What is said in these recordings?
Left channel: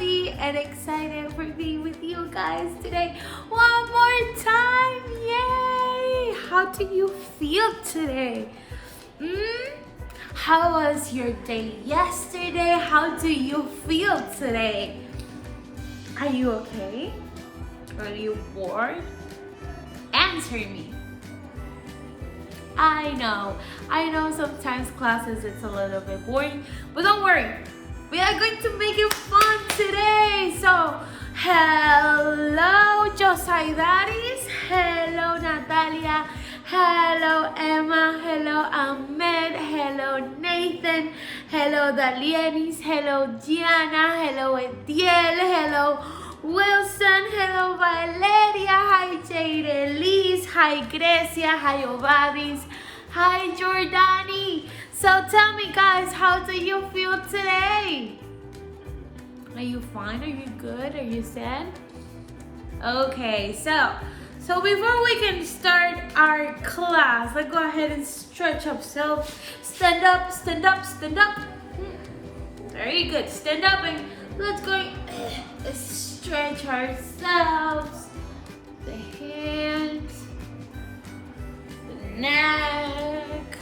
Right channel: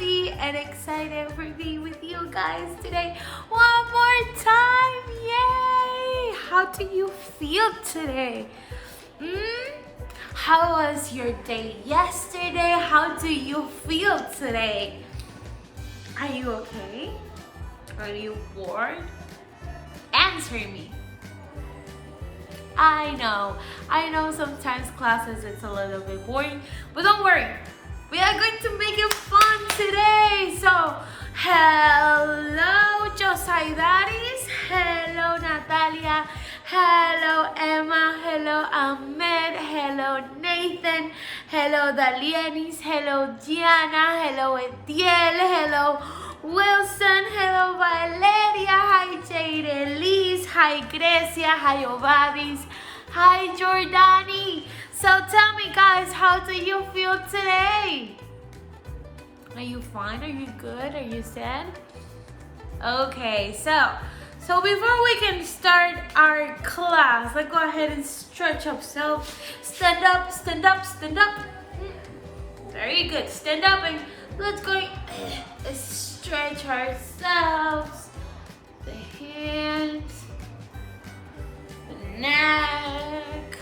happy and excited for being with you guys today. One more time, yay! How do you feel today? How was your day yesterday? How do you feel today? Are you okay? Are you bored? Answer me. I know sometimes classes it's a little bit boring, but don't worry. We are going to make it fun today. So, hello Josaidaris, hello Natalia, hello Emma, hello Ahmed, hello Nathan, hello Dalienis, hello Gianna, hello Etiel, hello Wilson, hello Valeria, hi Jade Elise, hi Grecia, hi Obadis, hi Jordani. So tell me guys, how do you feel today? Are you fine? Are you good? Are you sad? Okay, so before we can start our class, let's go ahead and stretch up. So stand up, stand up, stand up. Very good. Stand up and let's go stretch ourselves. The hands, the neck,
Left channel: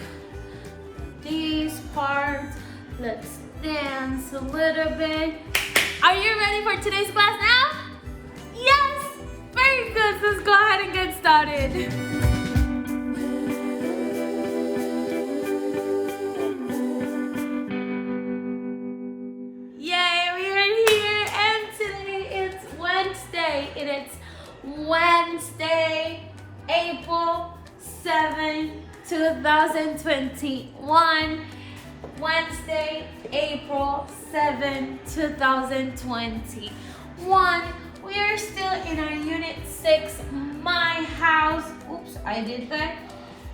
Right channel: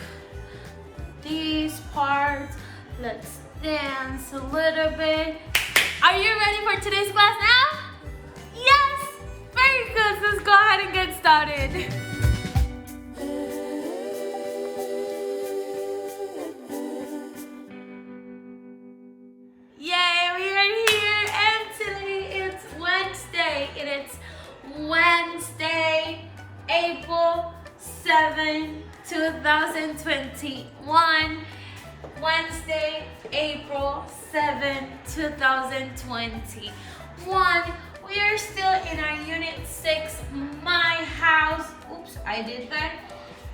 these parts. Let's dance a little bit. Are you ready for today's class now? Yes! Very good. Let's go ahead and get started. Yay, we are here and today it's Wednesday. And it's Wednesday, April 7, 2021. Wednesday, April 7, 2021. We are still in our Unit 6, My House. Oops, I did that.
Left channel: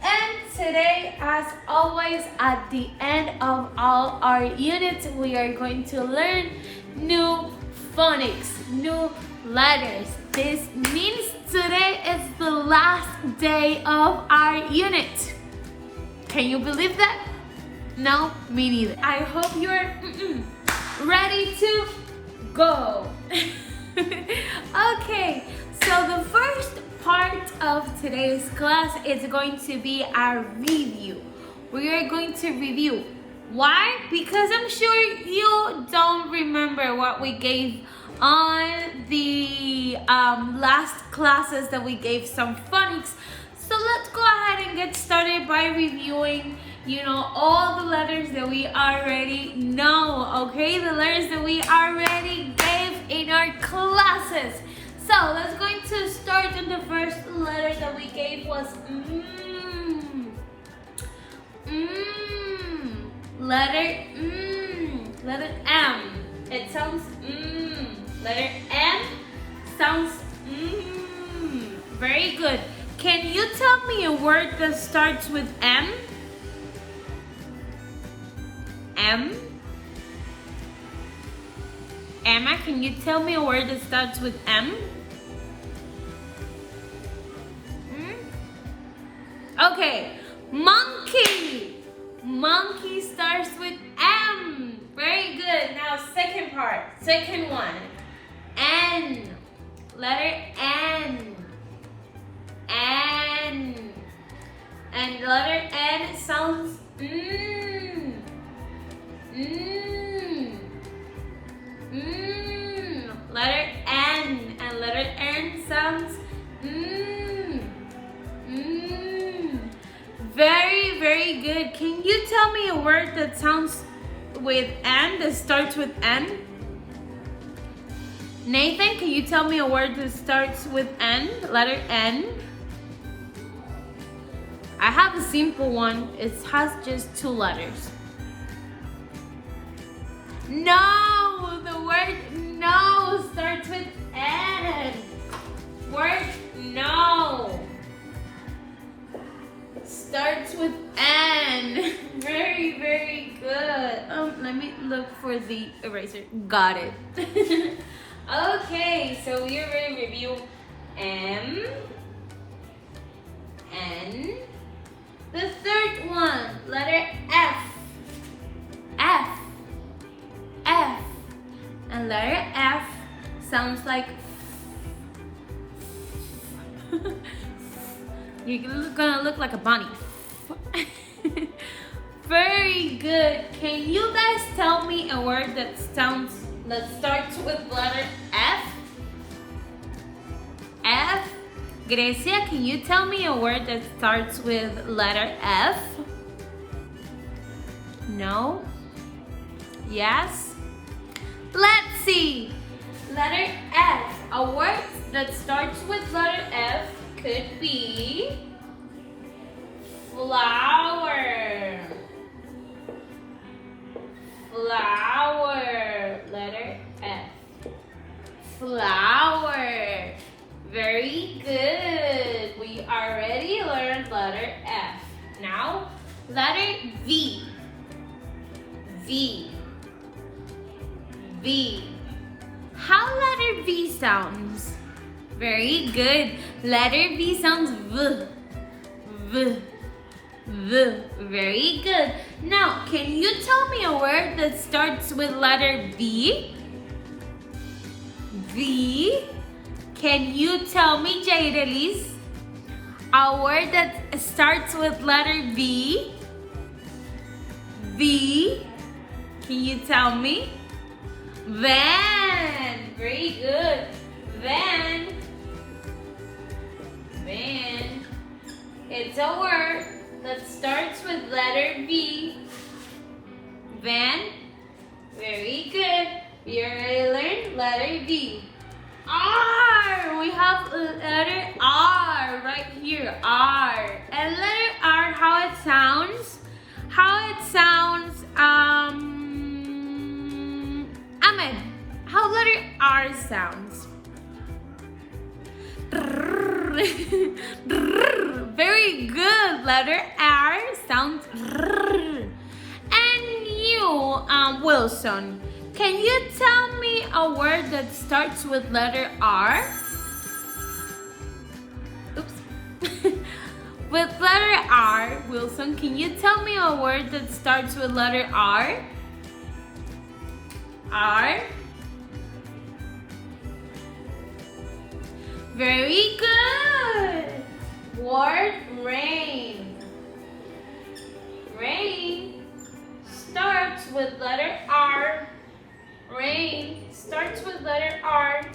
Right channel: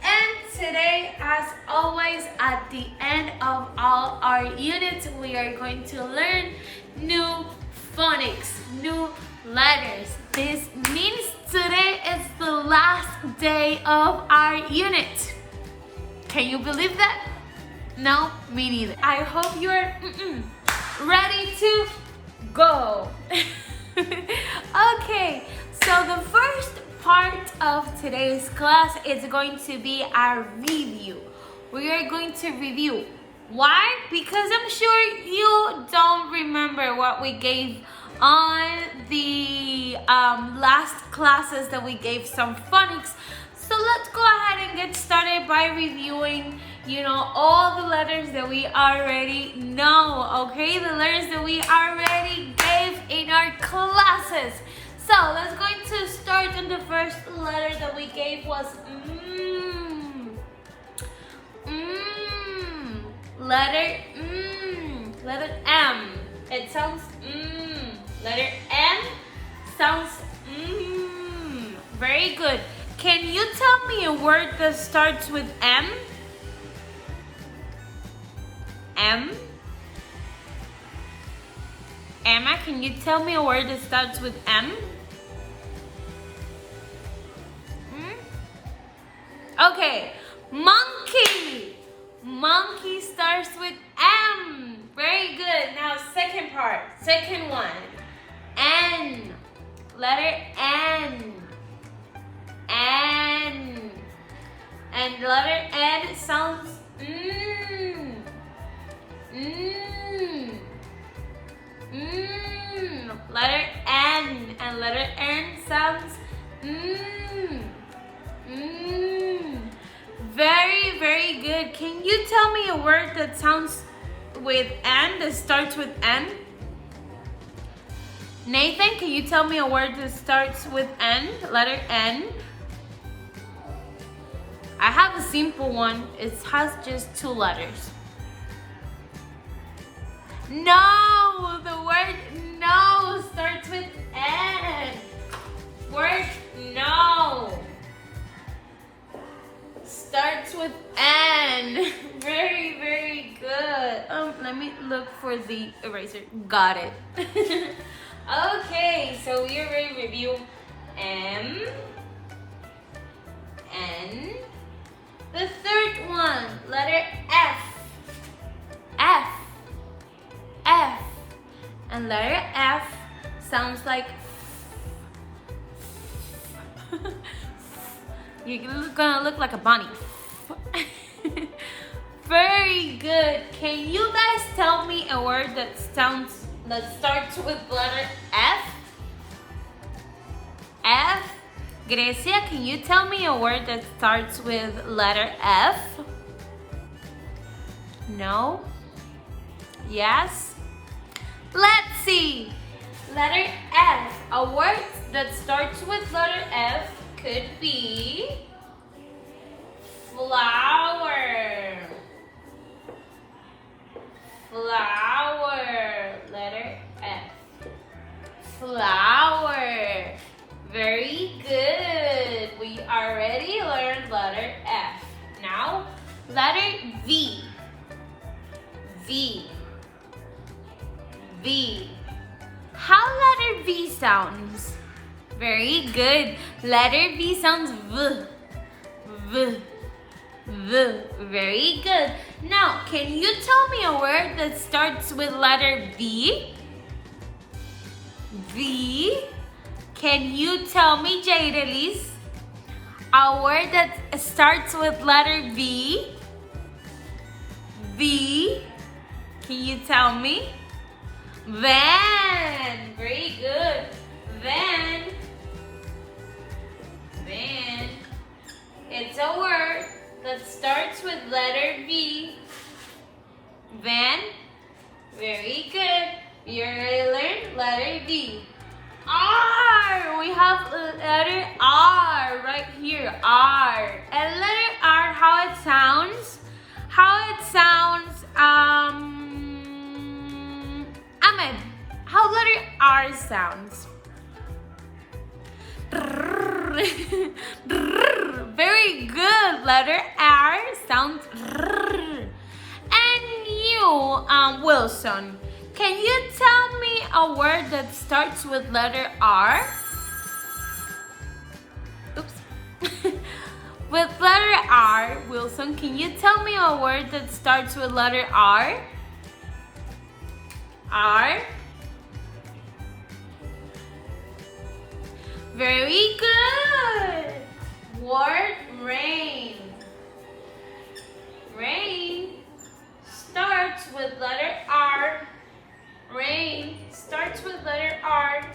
And today, as always, at the end of all our units, we are going to learn new phonics, new letters. This means today is the last day of our unit. Can you believe that? No, me neither. I hope you're ready to go. Okay, so the first part of today's class is going to be our review. We are going to review. Why? Because I'm sure you don't remember what we gave on the last classes that we gave some phonics. So let's go ahead and get started by reviewing, all the letters that we already know, okay? The letters that we already gave in our classes. So let's going to start on the first letter that we gave was letter M. It sounds Letter M sounds Very good. Can you tell me a word that starts with M? M? Emma, can you tell me a word that starts with M? Okay, monkey. Monkey starts with M. Very good. Now second part, second one. N. Letter N. N. And letter N sounds Letter N. And letter N sounds Very, very good. Can you tell me a word that sounds with N, that starts with N? Nathan, can you tell me a word that starts with N, letter N? I have a simple one. It has just two letters. No, the word no starts with N. Word no starts with N. Very, very good. Let me look for the eraser. Got it. Okay, so we are ready to review M, N. The third one, letter F. F. F. And letter F sounds like you're gonna look like a bunny. Very good. Can you guys tell me a word that starts with letter F? F? Grecia, can you tell me a word that starts with letter F? No? Yes? Let's see. Letter F. A word that starts with letter F could be flower. Flower. Letter F. Flower. Very good. We already learned letter F. Now, letter V. V. V. How letter V sounds? Very good. Letter V sounds V. V. V. Very good. Now, can you tell me a word that starts with letter V? V. Can you tell me, Jaydelis, a word that starts with letter V? V. Can you tell me? Van. Very good. Van. Van. It's a word that starts with letter V. Van. Very good. We already learned letter V. R. We have letter R right here. R. And letter R, how it sounds? Ahmed, how letter R sounds? Very good. Letter R sounds. And you, Wilson, can you tell me a word that starts with letter R? Oops. With letter R, Wilson, can you tell me a word that starts with letter R? R. Very good. Word rain. Rain starts with letter R. Rain starts with letter R.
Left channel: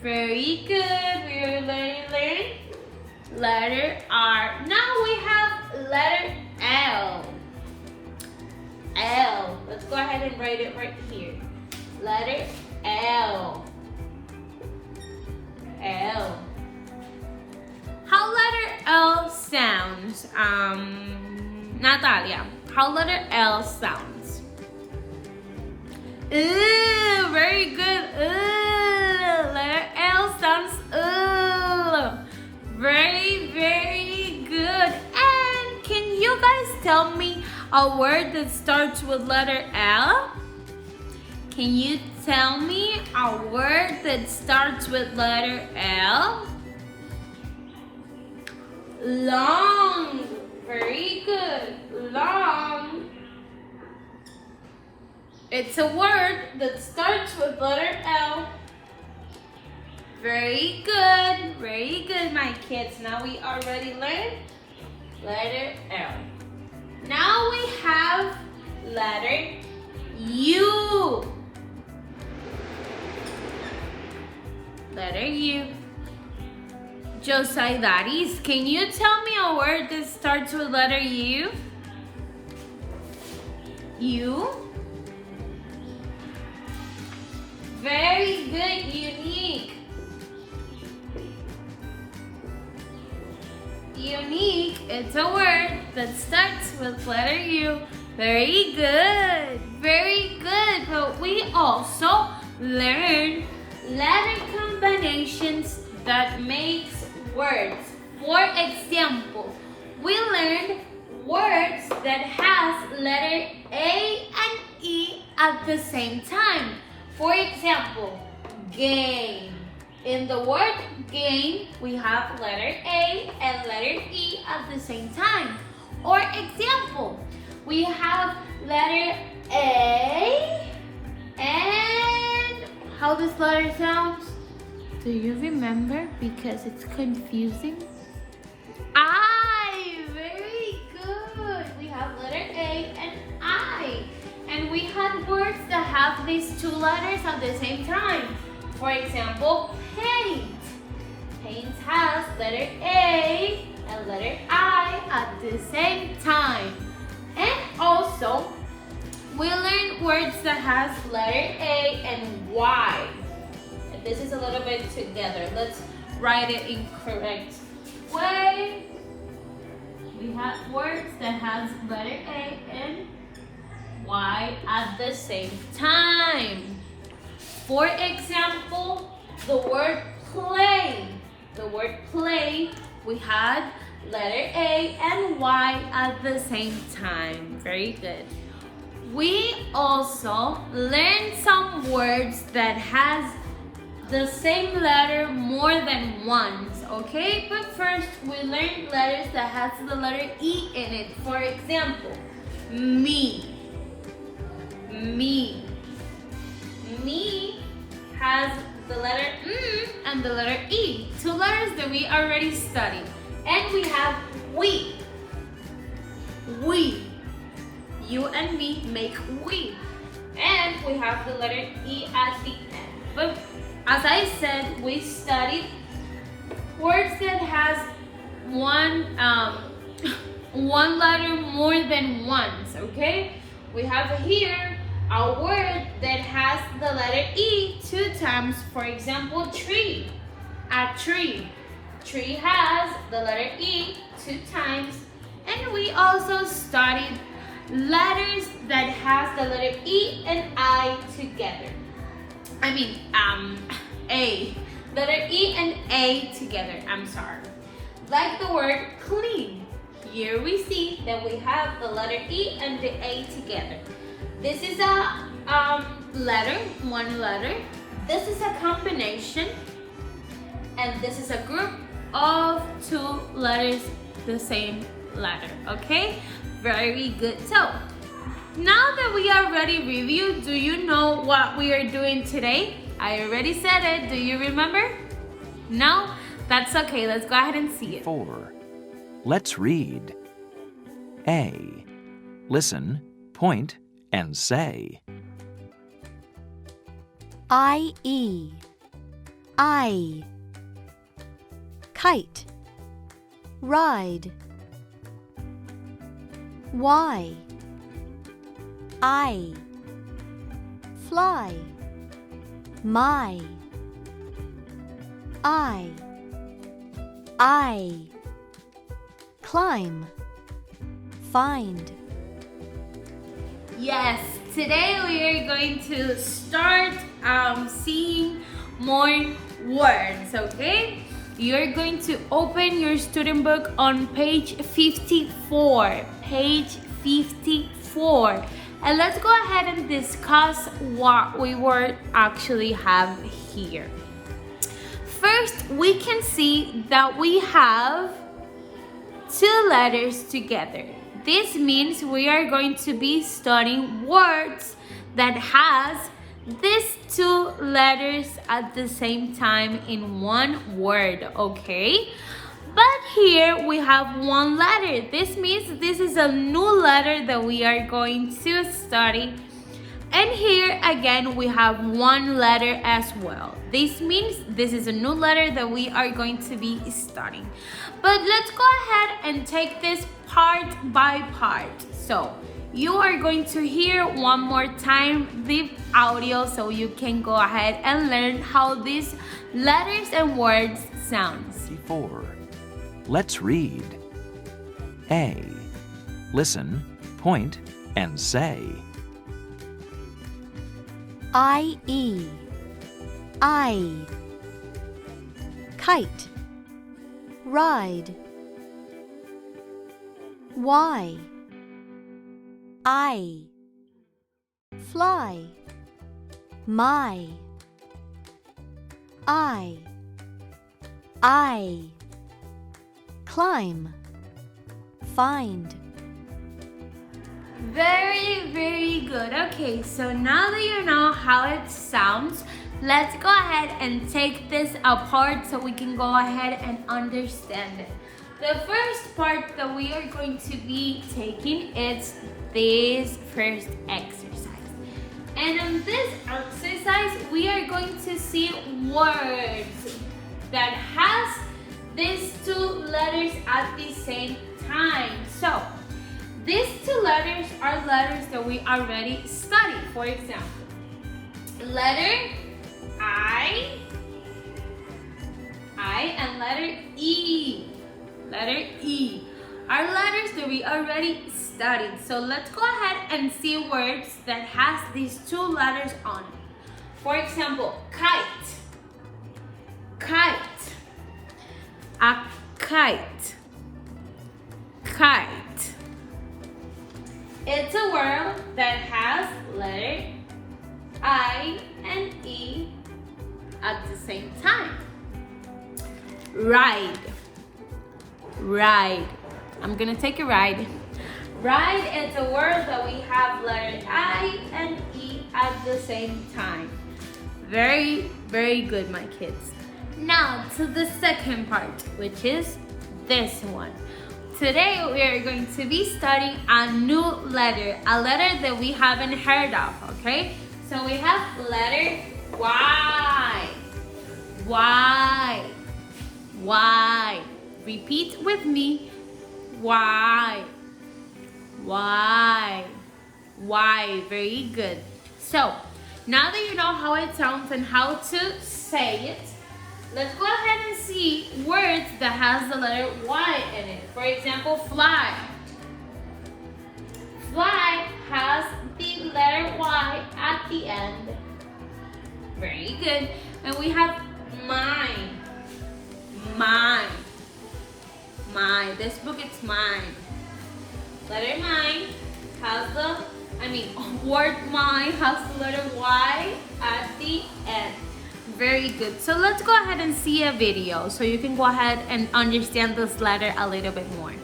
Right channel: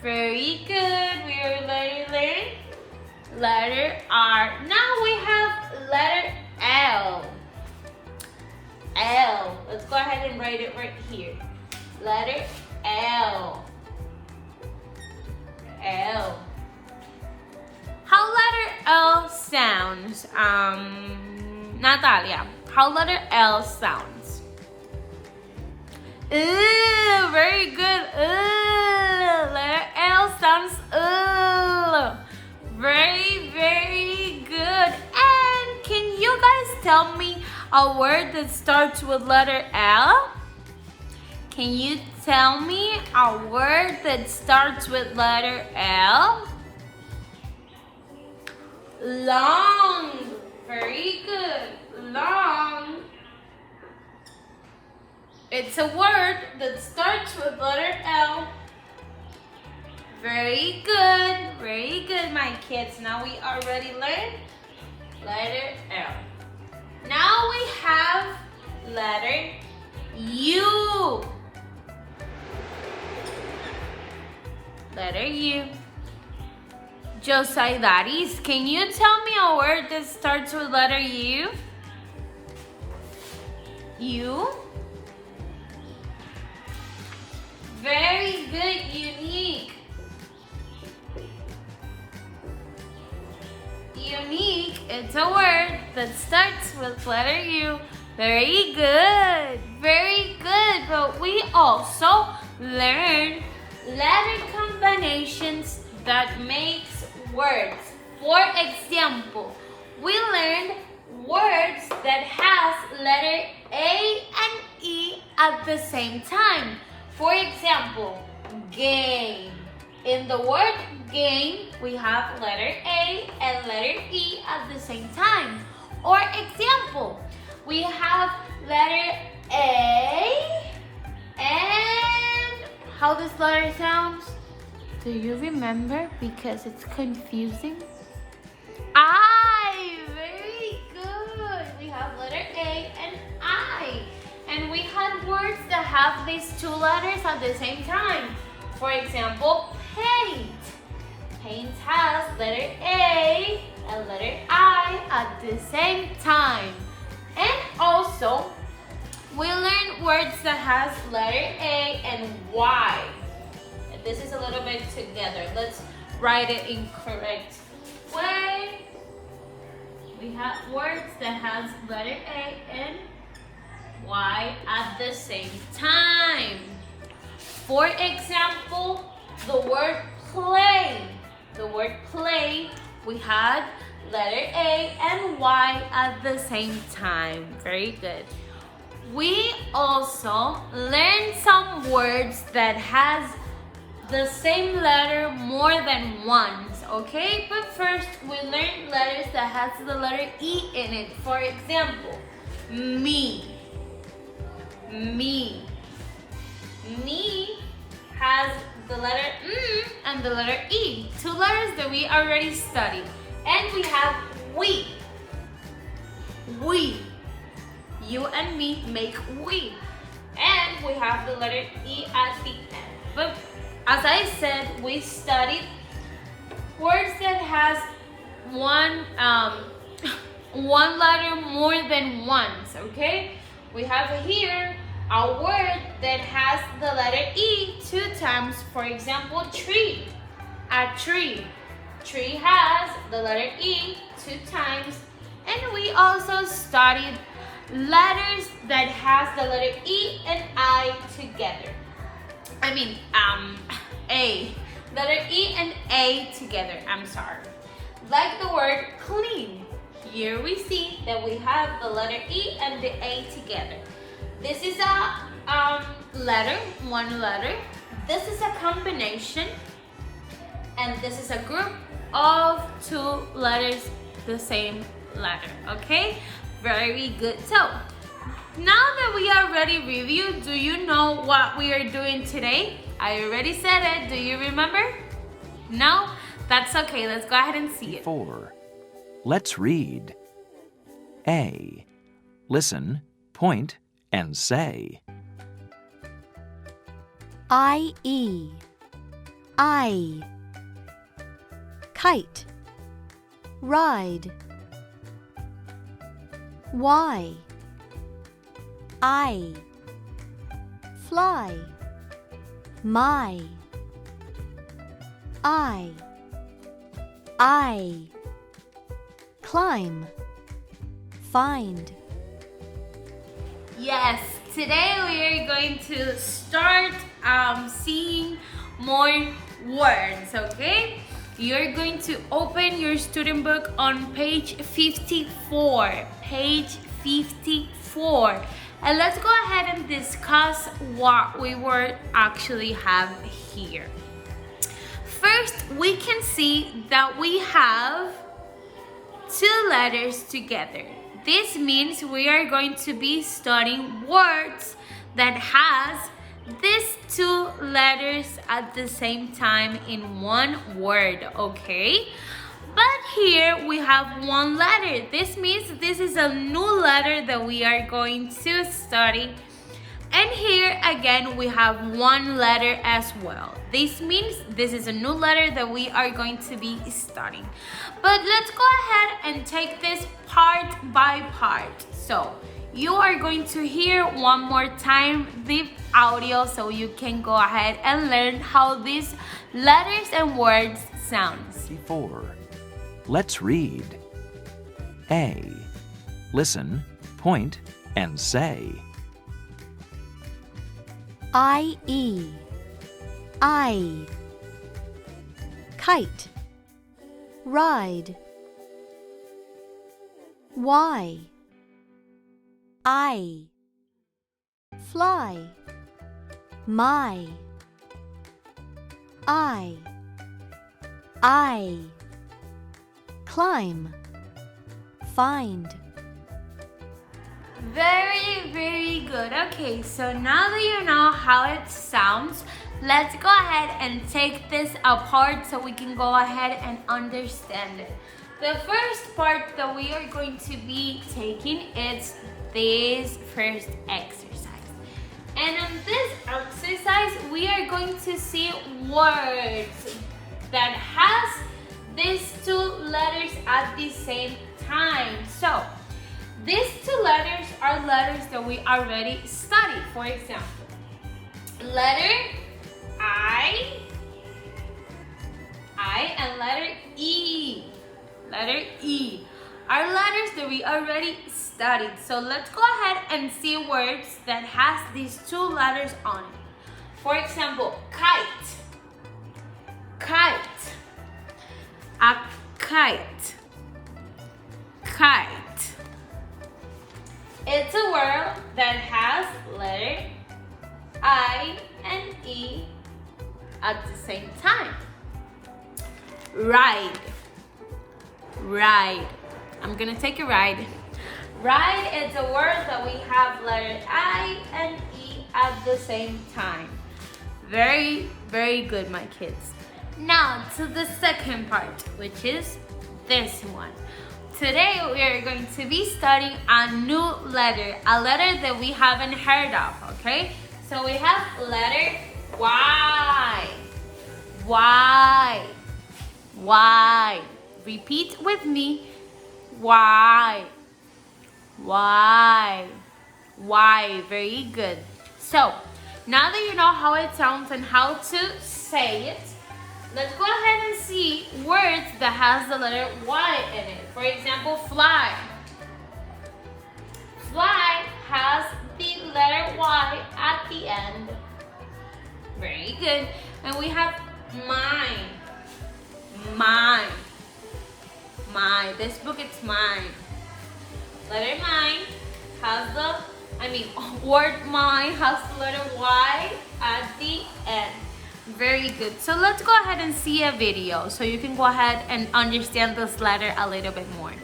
Very good. We are learning letter R. Now we have letter L. L. Let's go ahead and write it right here. Letter L. L. How letter L sounds? Natalia, how letter L sounds? Ooh, very good. Ooh, letter L sounds ooh. Very, very good. And can you guys tell me a word that starts with letter L? Can you tell me a word that starts with letter L? Long. Very good. Long. It's a word that starts with letter L. Very good. Very good, my kids. Now we already learned letter L. Now we have letter U. Letter U. Josaidaris, can you tell me a word that starts with letter U? U. Very good, unique. Unique, it's a word that starts with letter U. Very good, very good. But we also learned letter combinations that makes words. For example, we learned words that has letter A and E at the same time. For example, game. In the word game, we have letter A and letter E at the same time. Or example, we have letter A And how this letter sounds? Do you remember? Because it's confusing. I. Very good. We have letter A and I. And we had words that have these two letters at the same time. For example, paint. Paint has letter A and letter I at the same time. And also, we learned words that has letter A and Y. And this is a little bit together. Let's write it in correct way. We have words that has letter A and Y at the same time. For example, the word play. The word play, we had letter A and Y at the same time. Very good. We also learned some words that has the same letter more than once, okay? But first, we learned letters that has the letter E in it. For example, me. Me. Me has the letter M and the letter E. Two letters that we already studied. And we have we. We. You and me make we. And we have the letter E at the end. But as I said, we studied words that has one letter more than once, okay? We have here a word that has the letter E two times. For example, tree. A tree. Tree has the letter E two times. And we also studied letters that has the letter E and I together. A. Letter E and A together, I'm sorry. Like the word clean. Here we see that we have the letter E and the A together. This is a letter, one letter. This is a combination. And this is a group of two letters, the same letter, okay? Very good. So, now that we already reviewed, do you know what we are doing today? I already said it. Do you remember? No? That's okay. Let's go ahead and see it. 4. Let's read. A. Listen, point, and say. I-E. I. Kite. Ride. Y. I. Fly. My. I. Climb. Find. Yes, today we are going to start seeing more words, okay? You're going to open your student book on page 54. Page 54. And let's go ahead and discuss what we will actually have here. First, we can see that we have two letters together. This means we are going to be studying words that has these two letters at the same time in one word, okay? But here we have one letter. This means this is a new letter that we are going to study. And here again we have one letter as well. This means this is a new letter that we are going to be studying. But let's go ahead and take this part by part. So you are going to hear one more time the audio so you can go ahead and learn how these letters and words sound. 4. Let's read. A. Listen, point, and say. I-E. I. Kite. Ride. Y. I. Fly. My. I. Climb. Find. Very, very good. Okay, so now that you know how it sounds, let's go ahead and take this apart so we can go ahead and understand it. The first part that we are going to be taking is this first exercise. And on this exercise, we are going to see words that has these two letters at the same time. So, these two letters are letters that we already studied. For example, letter I, and letter E. Letter E are letters that we already studied. So let's go ahead and see words that has these two letters on it. For example, kite. Kite. A kite. Kite. It's a word that has letter I and E at the same time. Ride. Ride. I'm gonna take a ride. Ride is a word that we have letter I and E at the same time. Very, very good, my kids. Now to the second part, which is this one. Today we are going to be studying a new letter, a letter that we haven't heard of, okay? So we have letter Y. Y. Y. Repeat with me. Y. Y. Y. Very good. So, now that you know how it sounds and how to say it, let's go ahead and see words that has the letter Y in it. For example, fly. Fly has the letter Y at the end. Very good. And we have mine. Mine. Mine. This book is mine. Letter mine has word mine has the letter Y at the end. Very good. So let's go ahead and see a video so you can go ahead and understand this letter a little bit more.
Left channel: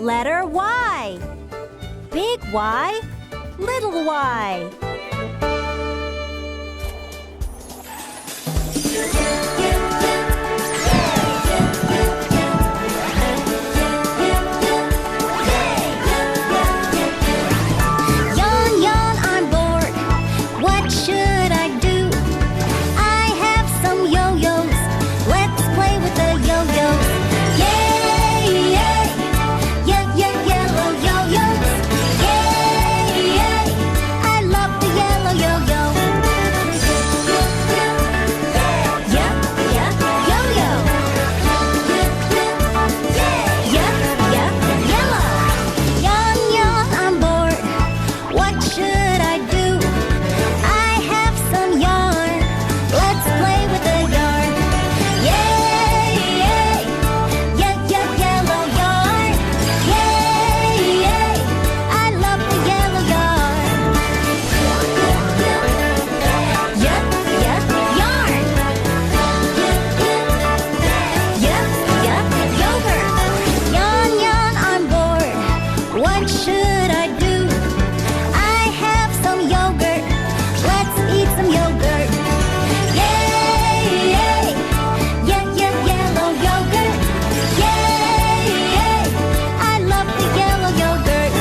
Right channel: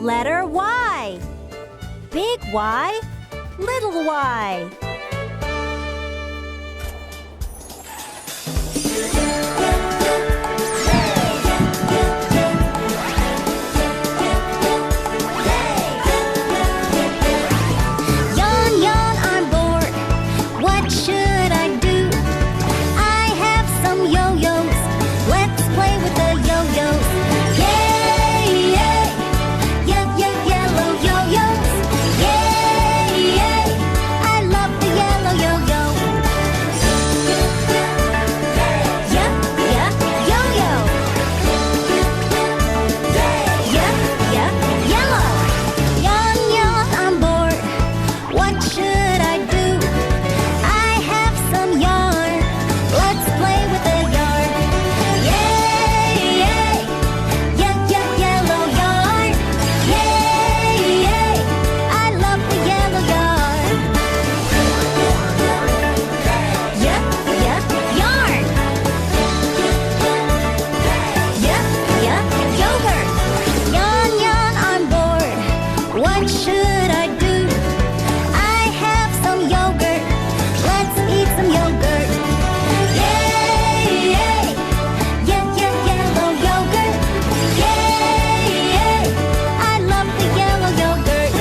Letter Y. Big Y, little y. Yawn, yawn, I'm bored. What should I do? I have some yo-yos. Let's play with the yo-yos. Yay, yay. Yeah, yeah, yellow yo-yos. Yay, yay. I love the yellow yo-yo. Yeah, yeah, yo-yo. Yeah, yeah, yellow. Yawn, yawn, I'm bored. What should I do? I have some yarn. Let's play with the yarn. Yay, yay. Yeah, yeah, yellow yarn. Yay, yay. I love the yellow yarn. Yeah, yeah, yarn. Yeah, yeah, yogurt. Yawn, yawn, I'm bored. What should I do? I have some yogurt. Let's eat some yogurt. Yay, yay. Yeah, yeah, yellow yogurt. Yay, yay. I love the yellow yogurt.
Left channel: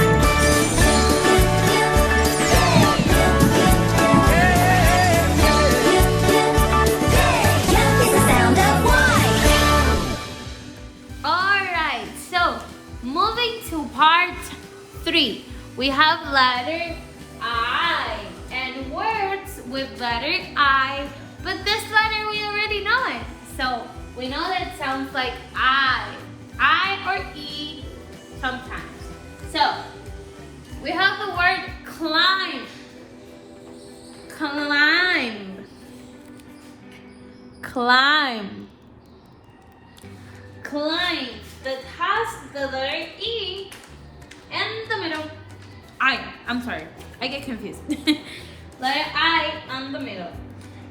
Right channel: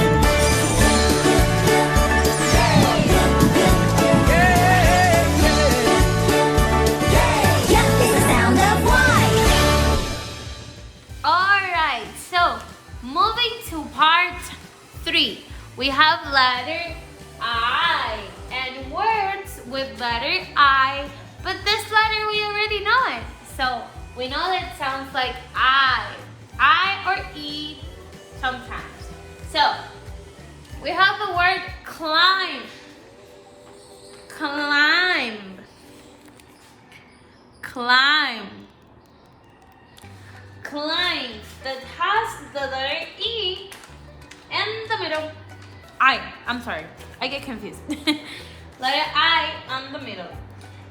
Yeah, it's the sound of Y. Alright, so moving to part 3. We have letter I and words with letter I, but this letter we already know it. So we know that it sounds like I or E sometimes. So we have the word climb. Climb. Climb. Climb that has the letter E in the middle. I'm sorry, I get confused. Letter I on the middle.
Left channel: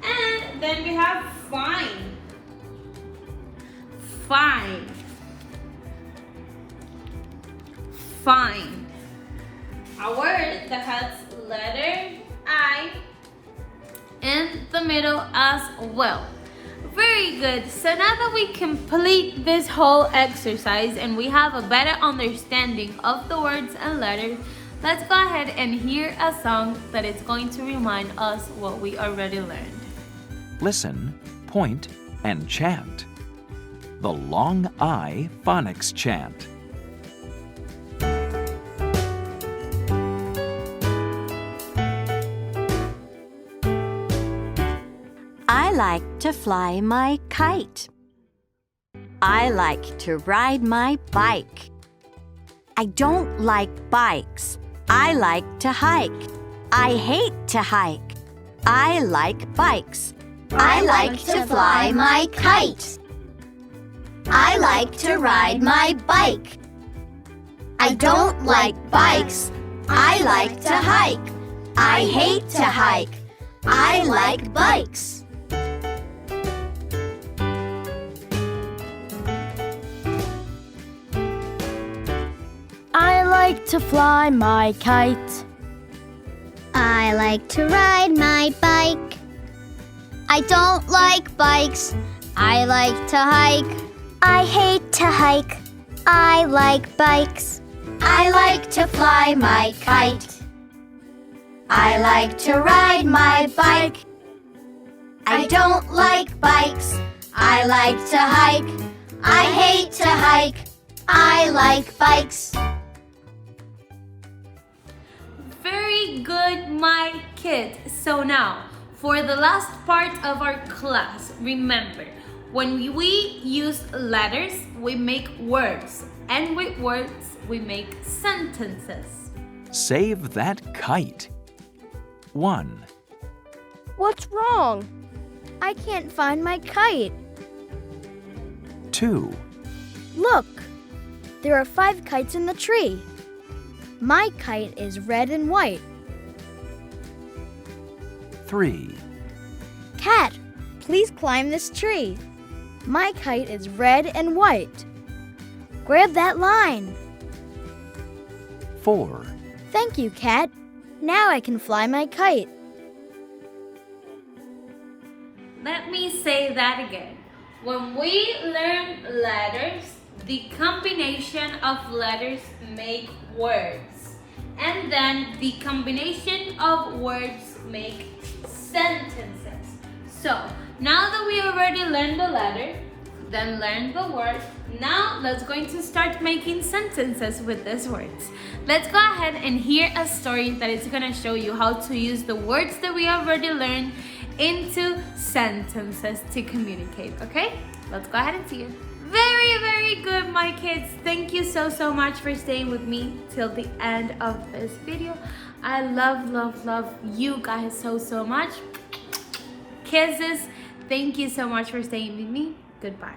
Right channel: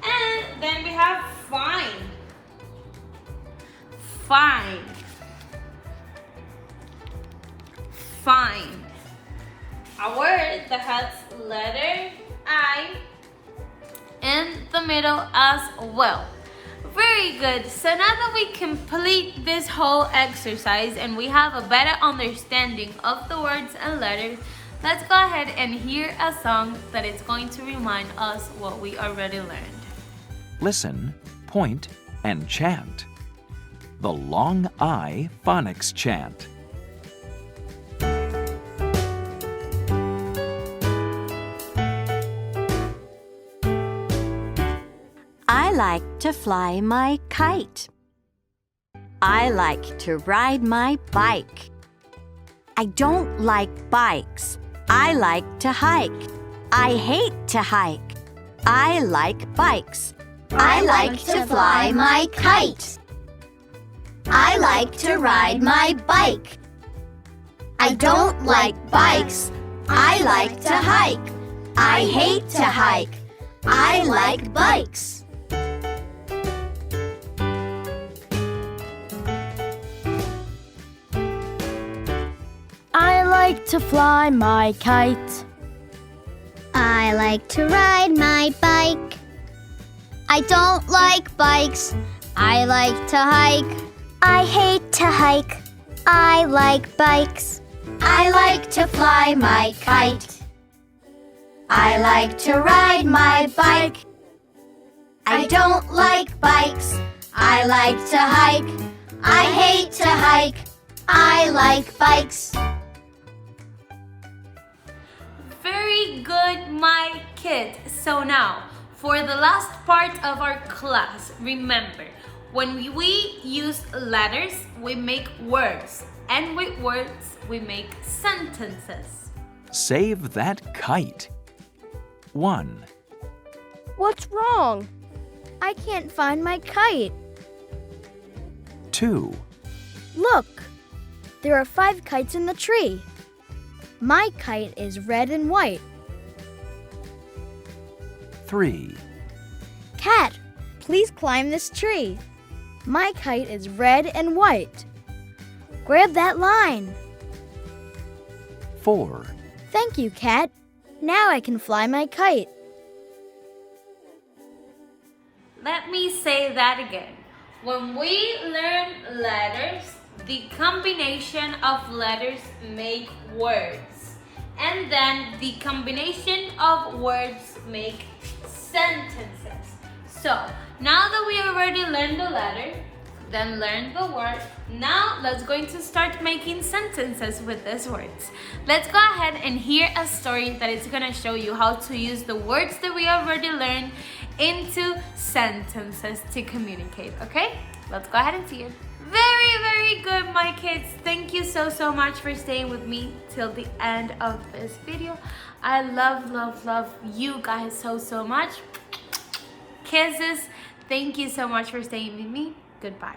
And then we have fine. fine. Fine. A word that has letter I in the middle as well. Very good. So now that we complete this whole exercise and we have a better understanding of the words and letters, let's go ahead and hear a song that is going to remind us what we already learned. Listen, point, and chant. The long I phonics chant. I like to fly my kite. I like to ride my bike. I don't like bikes. I like to hike. I hate to hike. I like bikes. I like to fly my kite. I like to ride my bike. I don't like bikes. I like to hike. I hate to hike. I like bikes. I like to fly my kite. I like to ride my bike. I don't like bikes. I like to hike. I hate to hike. I like bikes. I like to fly my kite. I like to ride my bike. I don't like bikes. I like to hike. I hate to hike. I like bikes. Very good, my kids. So now, for the last part of our class, remember, when we use letters, we make words. And with words, we make sentences. Save that kite. 1, What's wrong? I can't find my kite. 2, Look, there are 5 kites in the tree. My kite is red and white. 3, Cat, please climb this tree. My kite is red and white. Grab that line. 4, Thank you, Cat. Now I can fly my kite. Let me say that again. When we learn letters, the combination of letters make words. And then the combination of words make sentences. So, now that we already learned the letter, then learned the word, now let's going to start making sentences with these words. Let's go ahead and hear a story that is going to show you how to use the words that we already learned into sentences to communicate, okay? Let's go ahead and see it. Very, very good, my kids. Thank you so much for staying with me till the end of this video. I love you guys so much. Kisses. Thank you so much for staying with me. Goodbye.